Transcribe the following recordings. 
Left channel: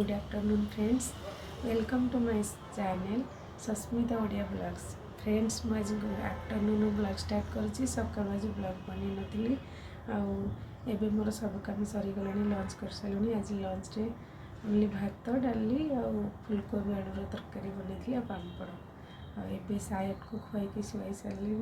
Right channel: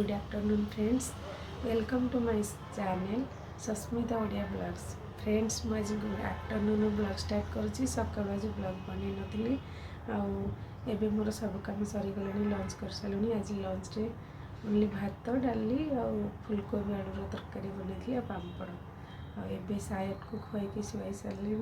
Good afternoon friends, welcome to my channel Sasmita Odia blogs. Friends मुझे afternoon blog start करुँची। सकाल आज ब्लॉग बन नी आबे मोर सब कम सरीगला लंच कर सारे। आज लंच रे ओनली भात डाली फुलकोबी आलूर तरकारी बनई पापड़ आबे सायद को खुआई शुआई सारे।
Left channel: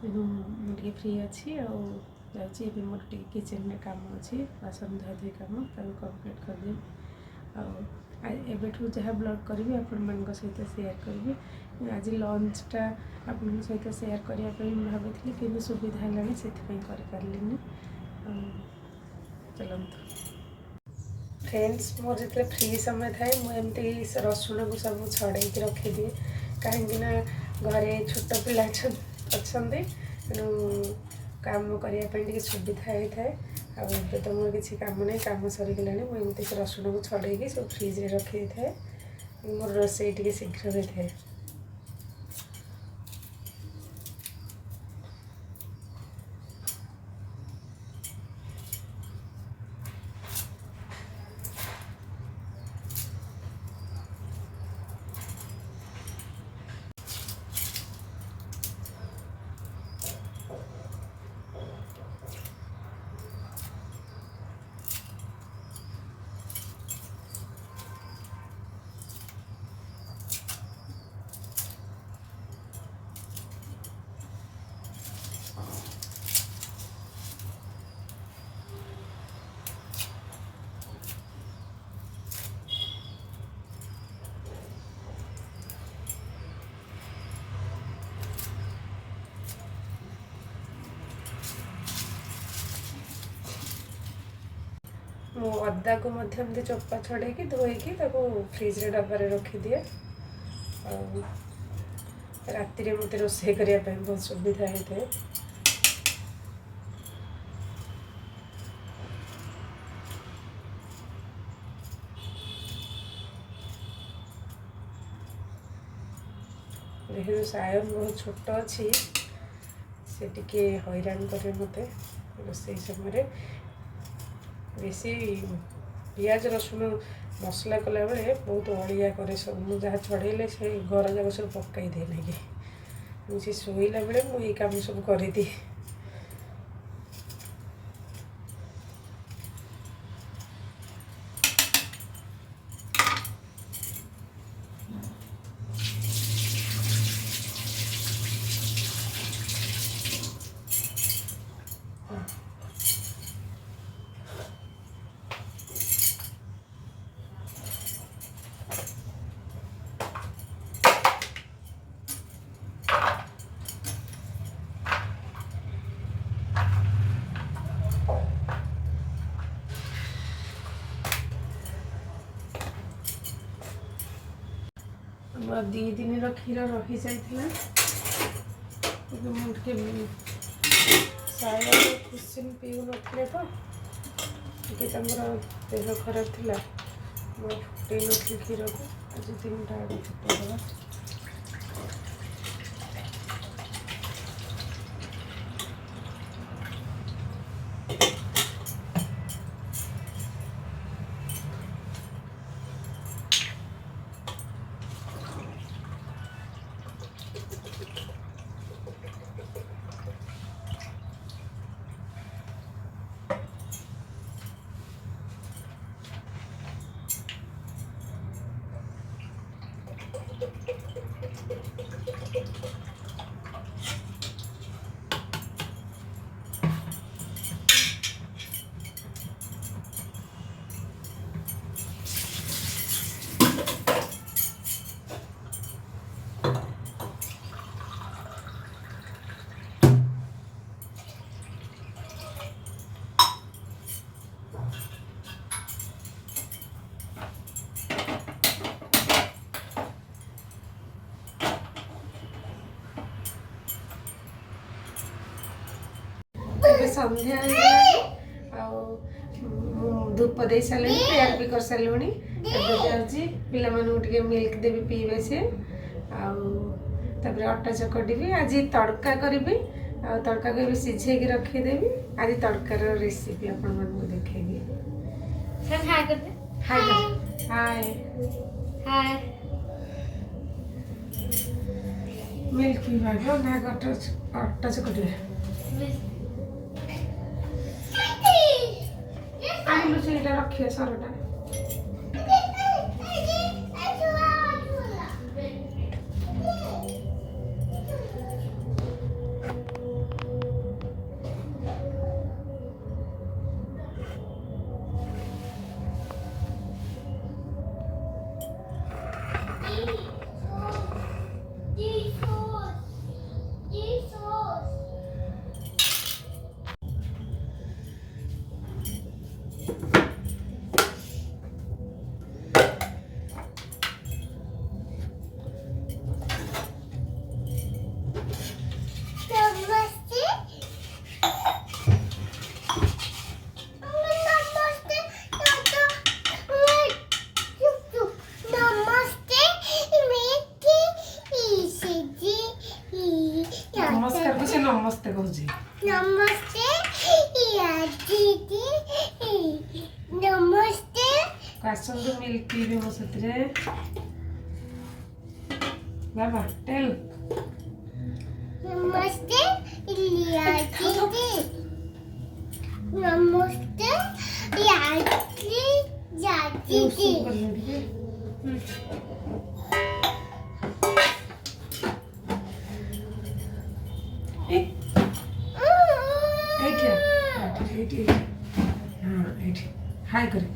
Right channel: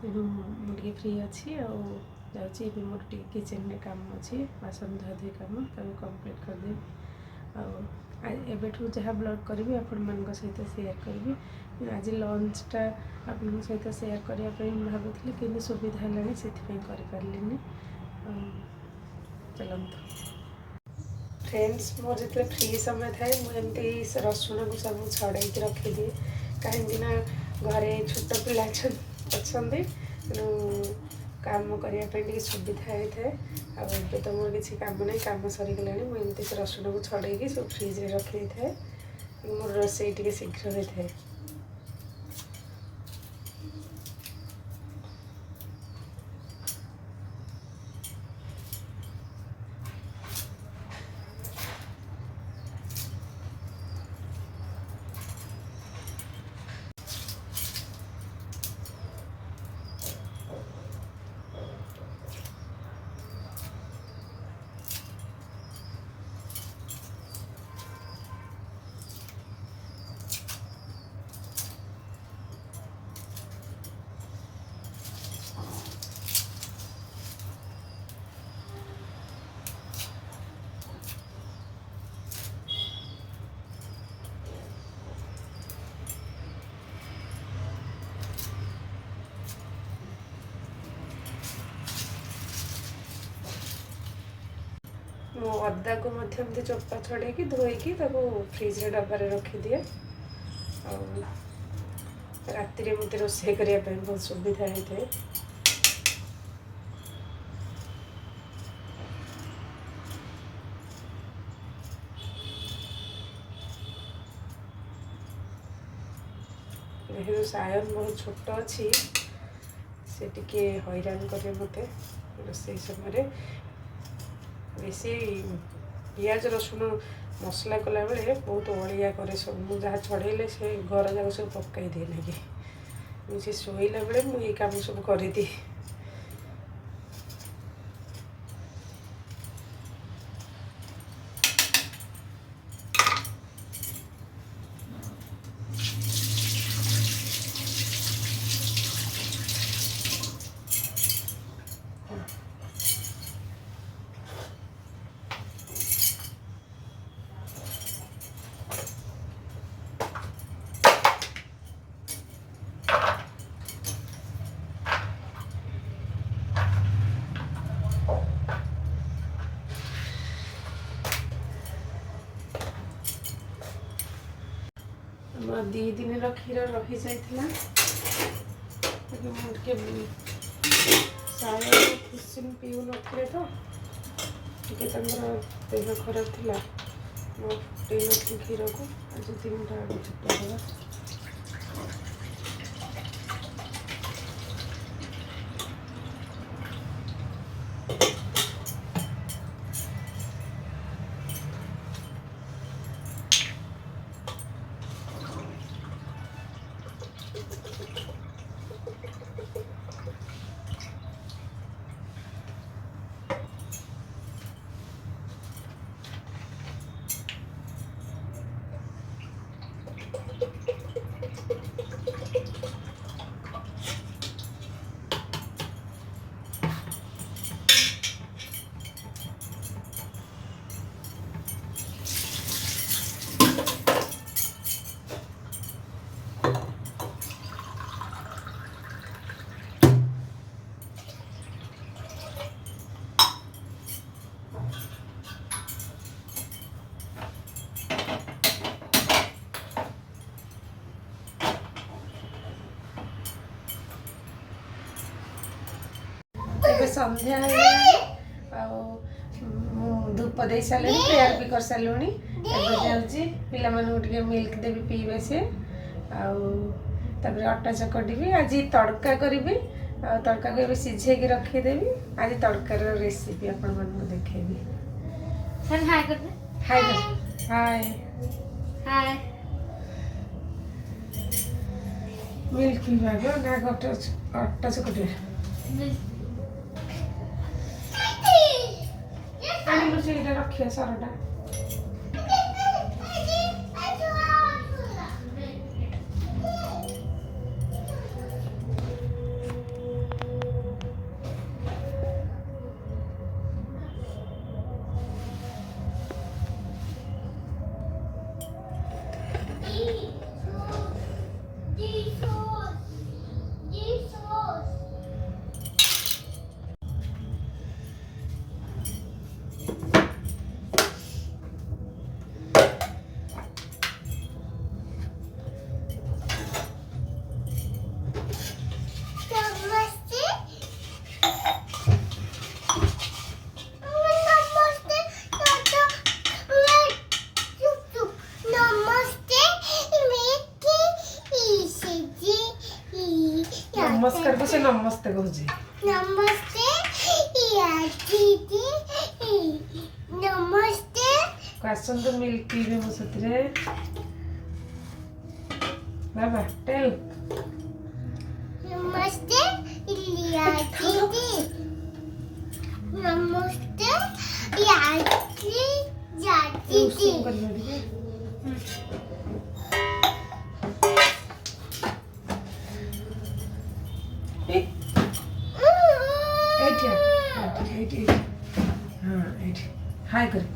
तेणु मुझे फ्री अच्छी जाऊँगी मोर किचन में काम अच्छी बासन धुआधुई काम कंप्लीट करदेवी। एबेठू जहाँ ब्लॉग करी आपण मान सहित शेयर करी। आज लंचटा आपण सहित शेयर करने भावी कि सुविधा है से पारे। चलते फ्रेंड्स, मोर जो फ्री समय थाए मुझे रसुण को सब छड़े रखिदिए कहीं घरे छोट पिला अच्छा तेणु काम करने सुविधा होता है। आबे तो मोर किसी काम नहीं, काम सरीगला मुझे रसुण को छड़े सब फ्रिज रे रखी था। मोर रोसई टे शीघ्र होता है। मो अदा को मध्यम चोपा छड़े धोईकी फ्रिज रे डब्बारे रखिदिए। राति मत रोषे करने बहुत सुविधा होता है। देखो सायन बहुत छोट अच्छी से टिके हैरान करे मत रोषे समय। बेसी पियाज रसुण मसला कला बेले बहुत अड़िया करे सब मुझे जहाँ छड़े से घर जाक सब पकई दिए ना कि मुझे शोला बेले मुझे काम सब कर दिए। दी दिन क्षीर रही जाता सायन खुशिन पीऊ नथिले तो देह खराब थी फुटे नी क्षीर को आज 3टा फुटा संध्या धूप दे सारे प्रेयर भी कर सारे। जाऊँगी पिला मिल्क देवी पीबे से अटा चकटी आज तड़का करी तड़का को सीझे रखीदेवी। आज तड़कार रेसिपी आपण देखी। हाय हाय हाय मिल्क पिइबाको ना अट्टा चकटे आनिलु चाहिँ एटा रखिया सरटा नमस्कार को से नमस्ते कहूँ नमस्ते या दीदी नमस्ते आसतु मिल्क पीबे मो साथी बाबा टेल नमस्ते लिया दीदी नमस्ते या दीदी हाय करे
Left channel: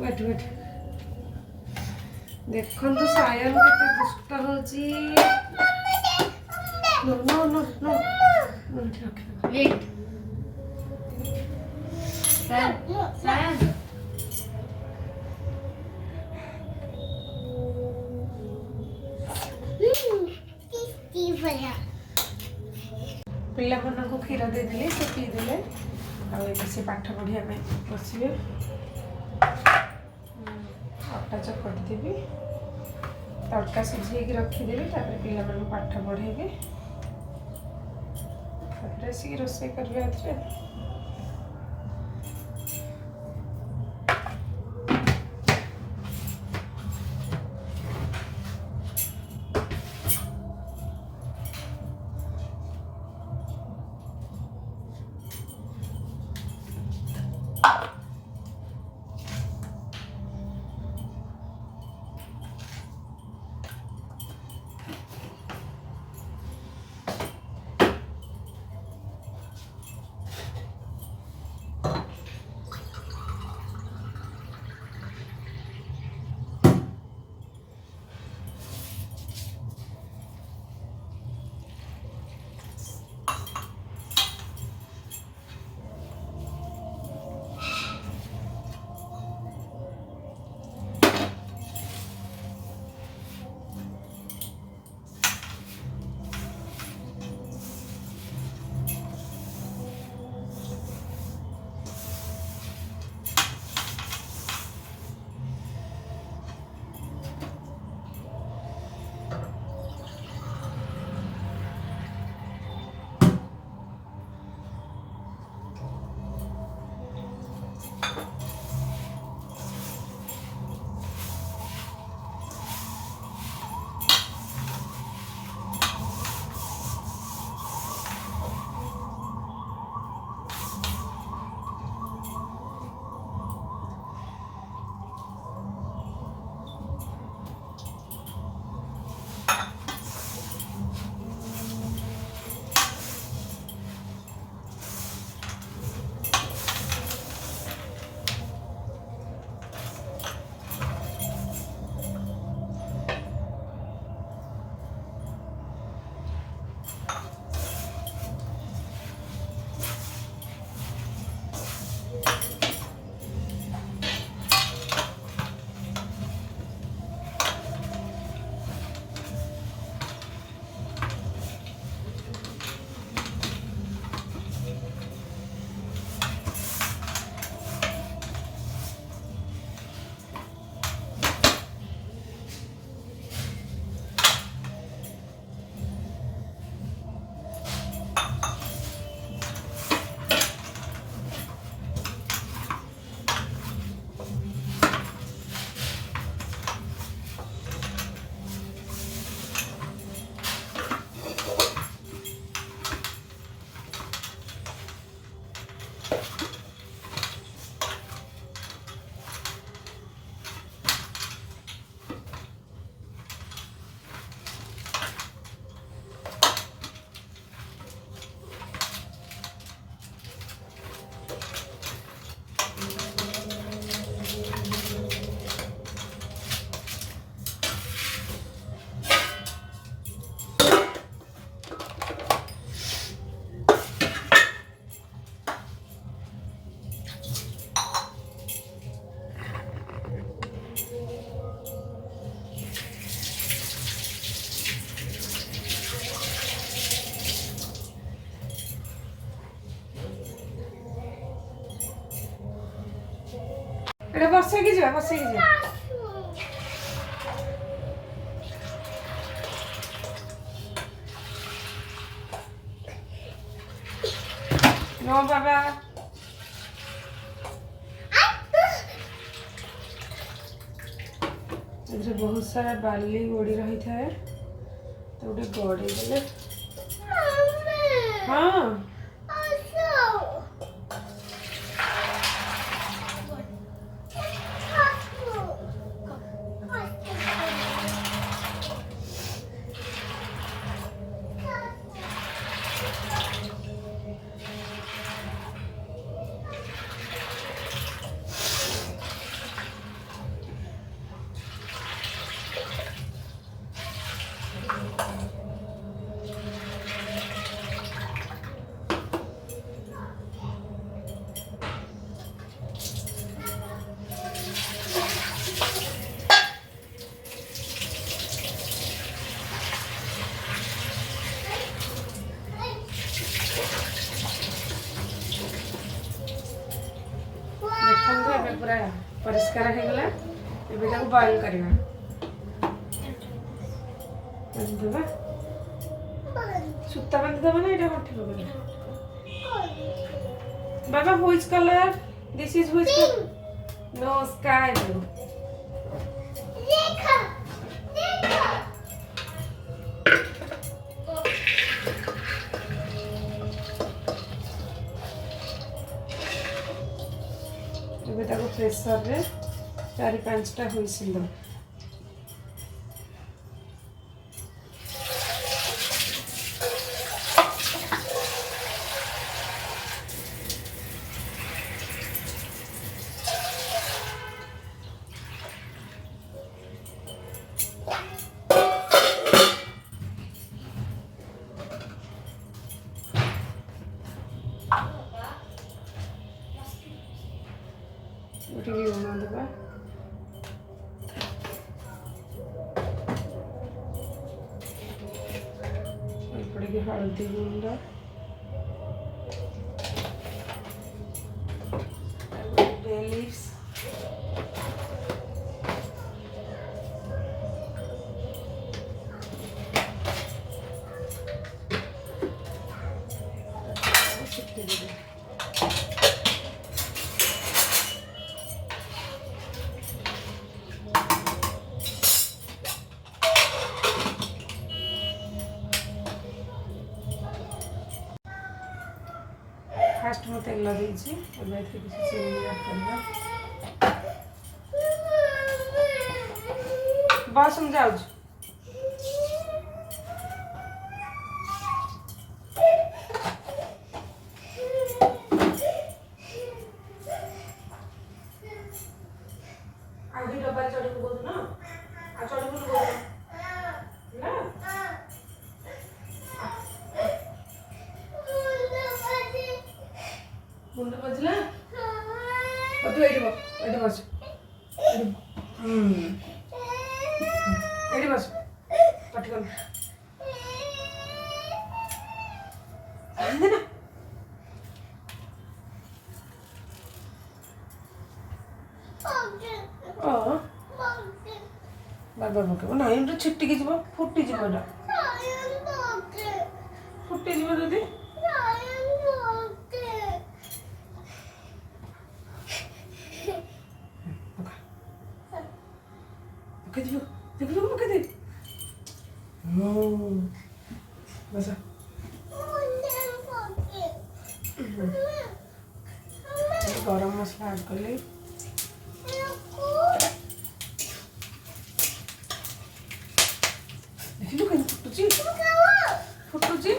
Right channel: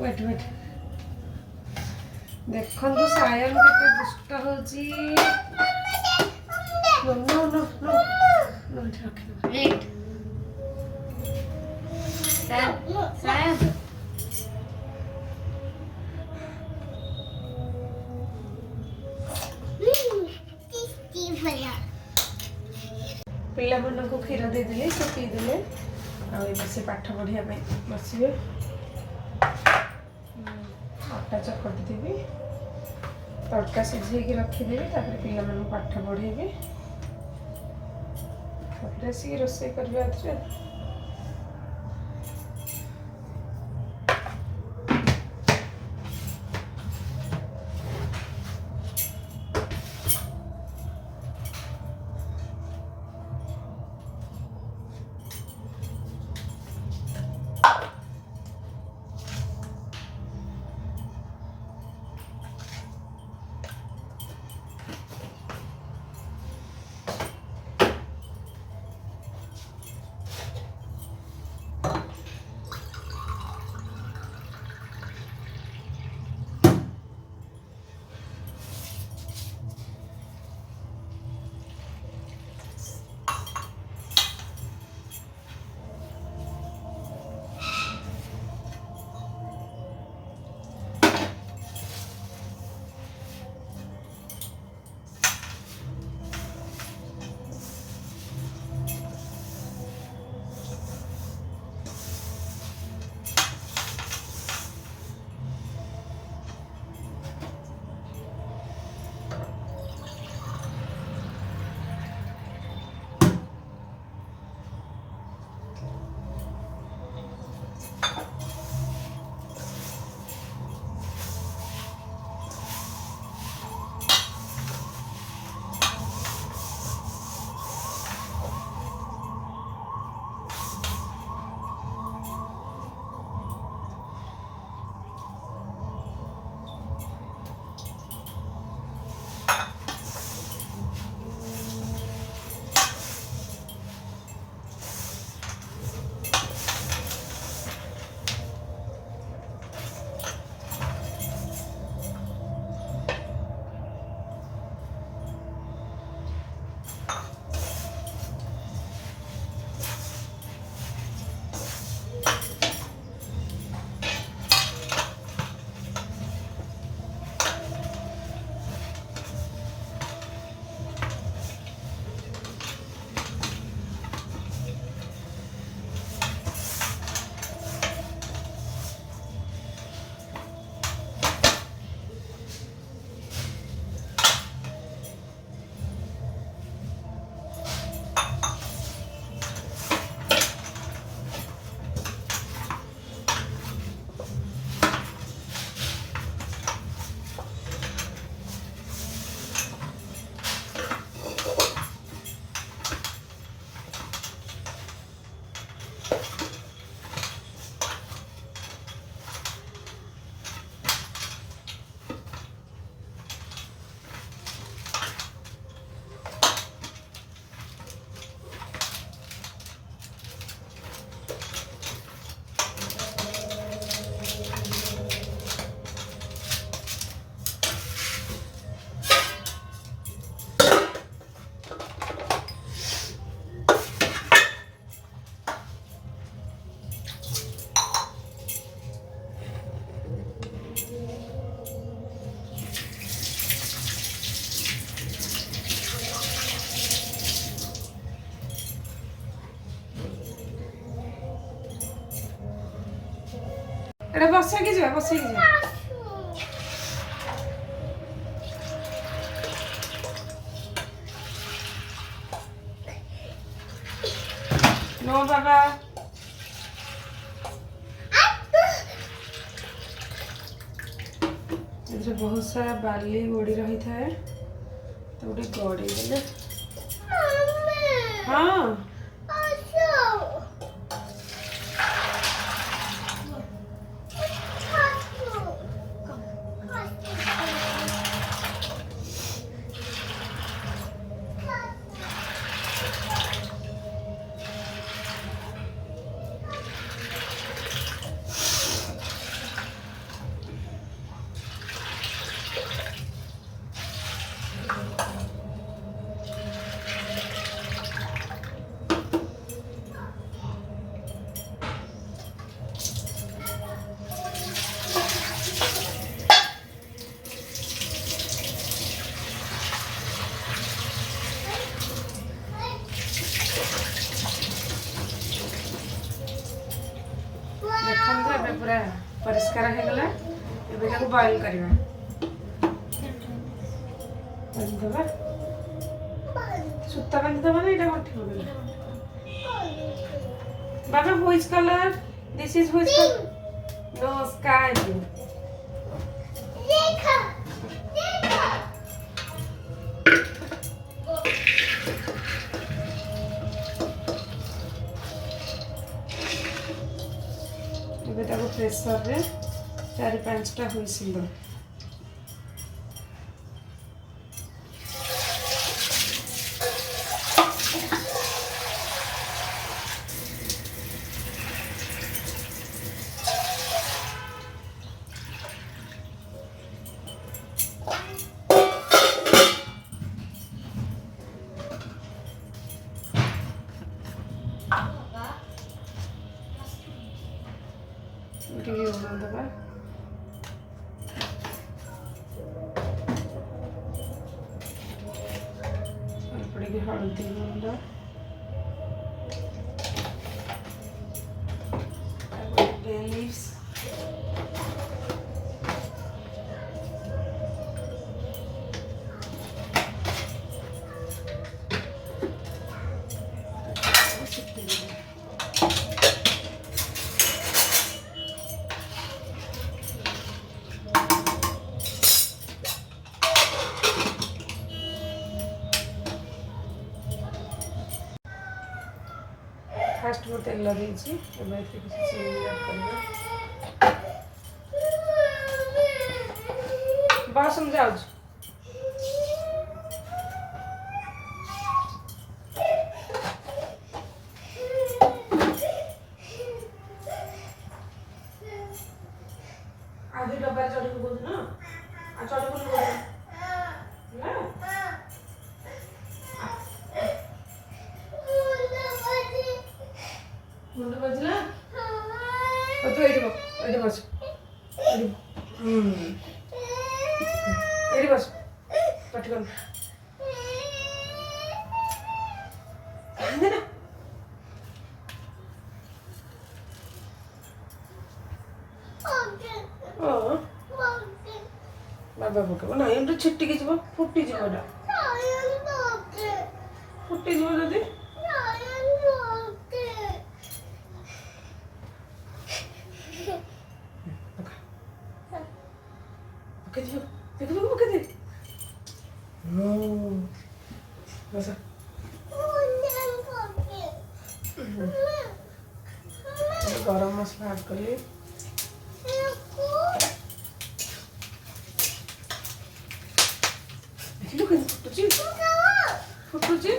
वेट वेट देखो तो सायन के दुष्ट होजी no no no no no wait Sayan पिला मन को क्षीर दे दिले से पी दिले आ से पाठ पढ़िया बसबे आटा चकटी देवी तड़का सिझे रखीदेवी पिला मन पाठ पढ़ेबी आसिक रोषे करबे ଏଟା ବସେଇକି ଯିବା ବସେଇକି ଯିବା। नो बाबा एଥିରେ बहुत सारा बाली गोड़ी रही थाए तो गोटे गड़ी देले। हाँ देखो ए पूरा परिष्कार हो गला। एबे ताको बॉईल करबा बांधवा सुता बांधवा ना एटा कोठी पकड़। बाबा which colour this is which colour no sky blue. देखो देखो एबे ताको प्रेशर रे 4-5टा हुइसिल दो। उठी गई होना दबा पड़ेगी हल्दी गुंड बे लीव्स फास्ट में तेल देছি ଏବେ ଏଥିରେ କିଛି ଚିନି ଆଡ୍ କରିବା। बस हम जाऊँ आधी डब्बा चढ़ी पकड़ ना आ चढ़ी पकड़ ना मुंड बजला तू एठी बस एठी बस पटकन ना ओ बाबा पकड़ ना एम छिट्टी की जीव फुटी जीव एटा फुटी जीव जदी पकड़ दे देखो पकड़ दे बस गरम मसला ऐड कर ले देखिलु केन फुटुची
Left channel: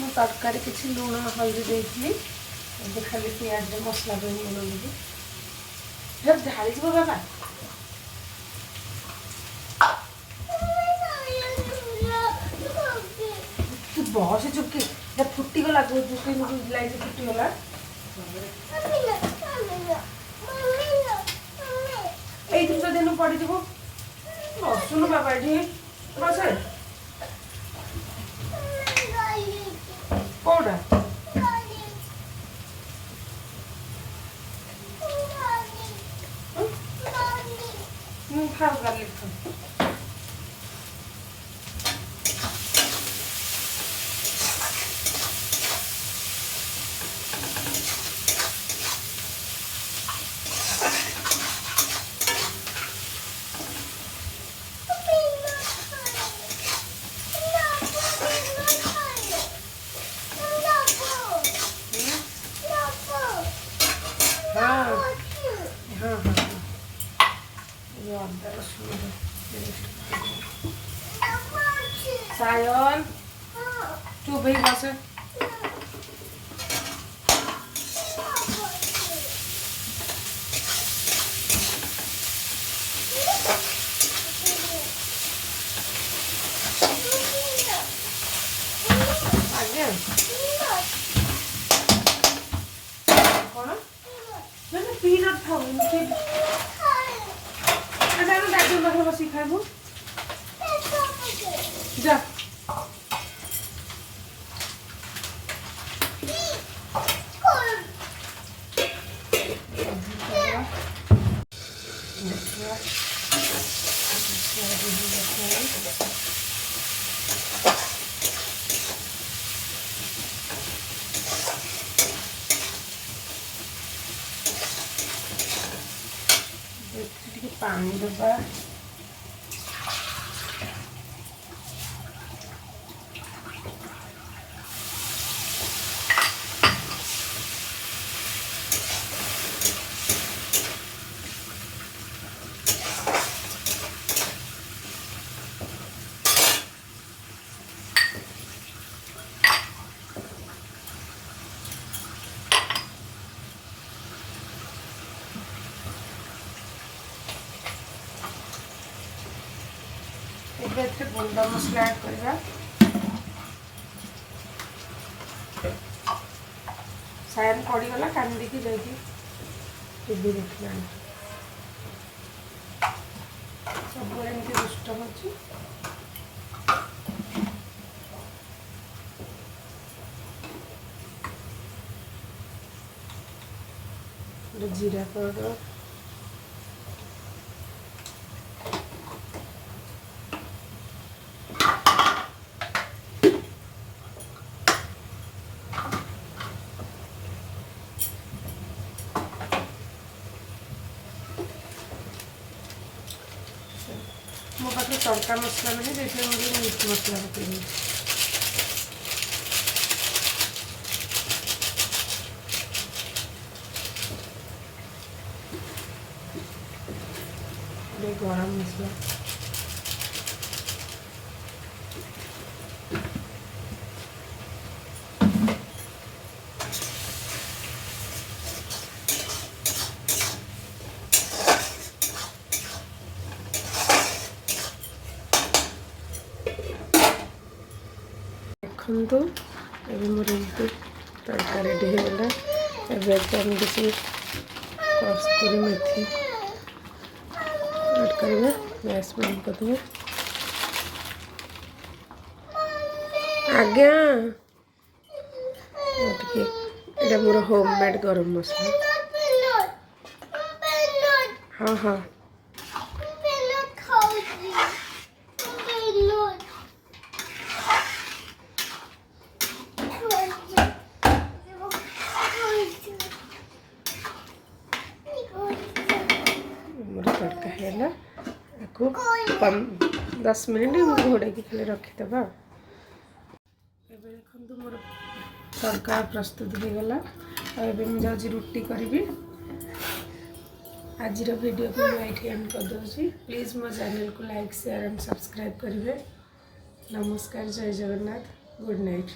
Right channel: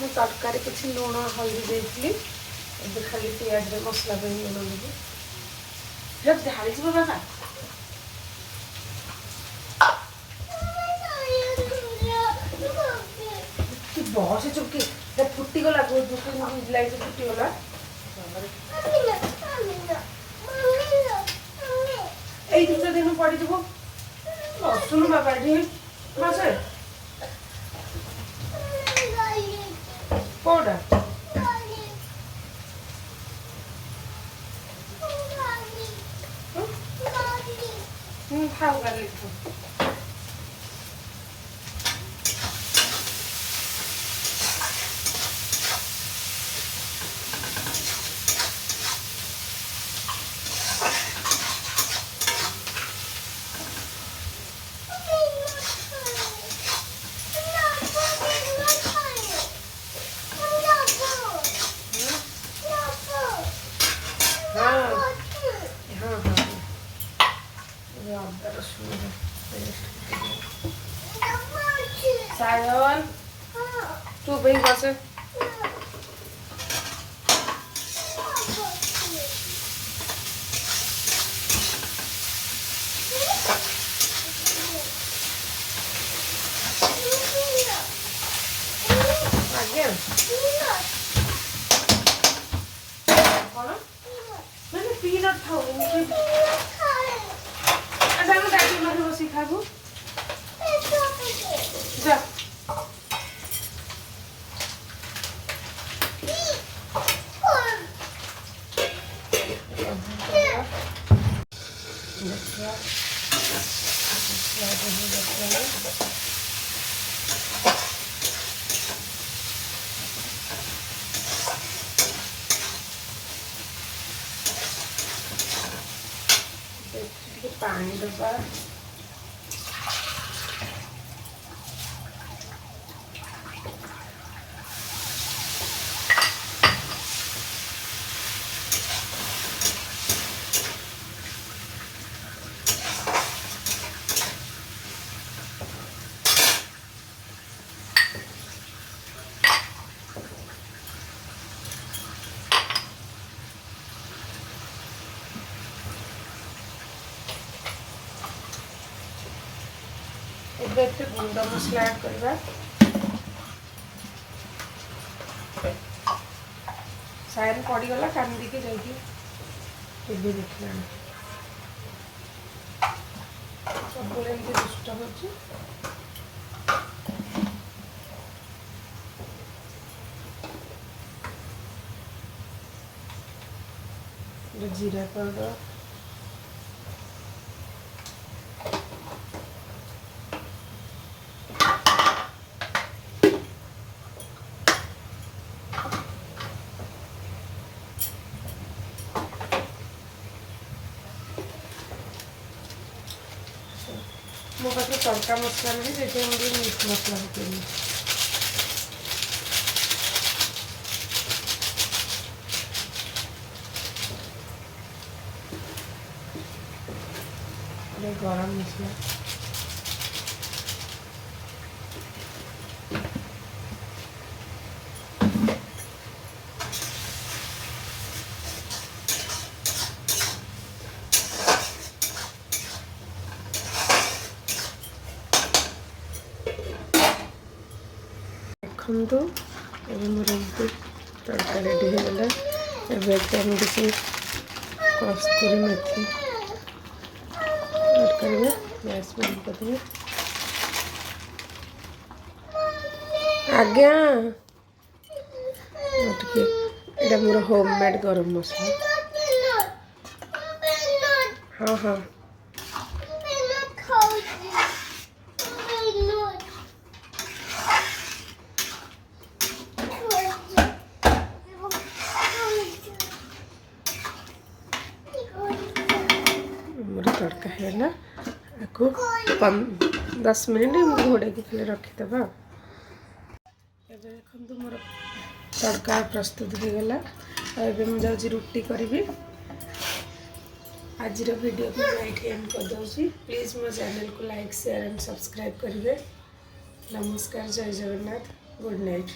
मु तरकारी किसी लुण हल्दी देती खाली पियाज मसला लुण देवी जब ढाली जी बाबा तू बहुत से चुपकी जब फुट्टी गला लाइन से फुट्टी गला এই তিনটা দিন পড়ি দেবো শুনো বাবা এটি বাসে কোটা খাও গার্লিক सायन चुप ही बस आज्ञा कौन मैंने पीनट खाऊंगी अच्छा मैं दादी पाखे बस खाइबू जा पानी डब्बा एबे गुंडा मसला ऐड करबा सायन पड़ी गला कांदी के जाई टीवी देखला सब एमती दुष्ट होची जीरा पाउडर मो पाखे तड़का मसला नहीं जैसे मुझे मीट मसला पकेगी गरम मसला देखो मोर तड़का रेडी होगला एम किसी कस्तूरी मेथी ऐड करेंगे गैस बंद कर देंगे आज्ञा ये मोर होममेड गरम मसला हाँ हाँ तड़का है 10 मिनट घोड़े की खाली रखीदे देखो मोर तड़का प्रस्तुत हो गला मुझे रुटी करी आज वीडियो को मैं एंड कर दूसरी प्लीज़ मो चैनल को लाइक शेयर एंड सब्सक्राइब करेंगे। नमस्कार जय जगन्नाथ गुड नाइट।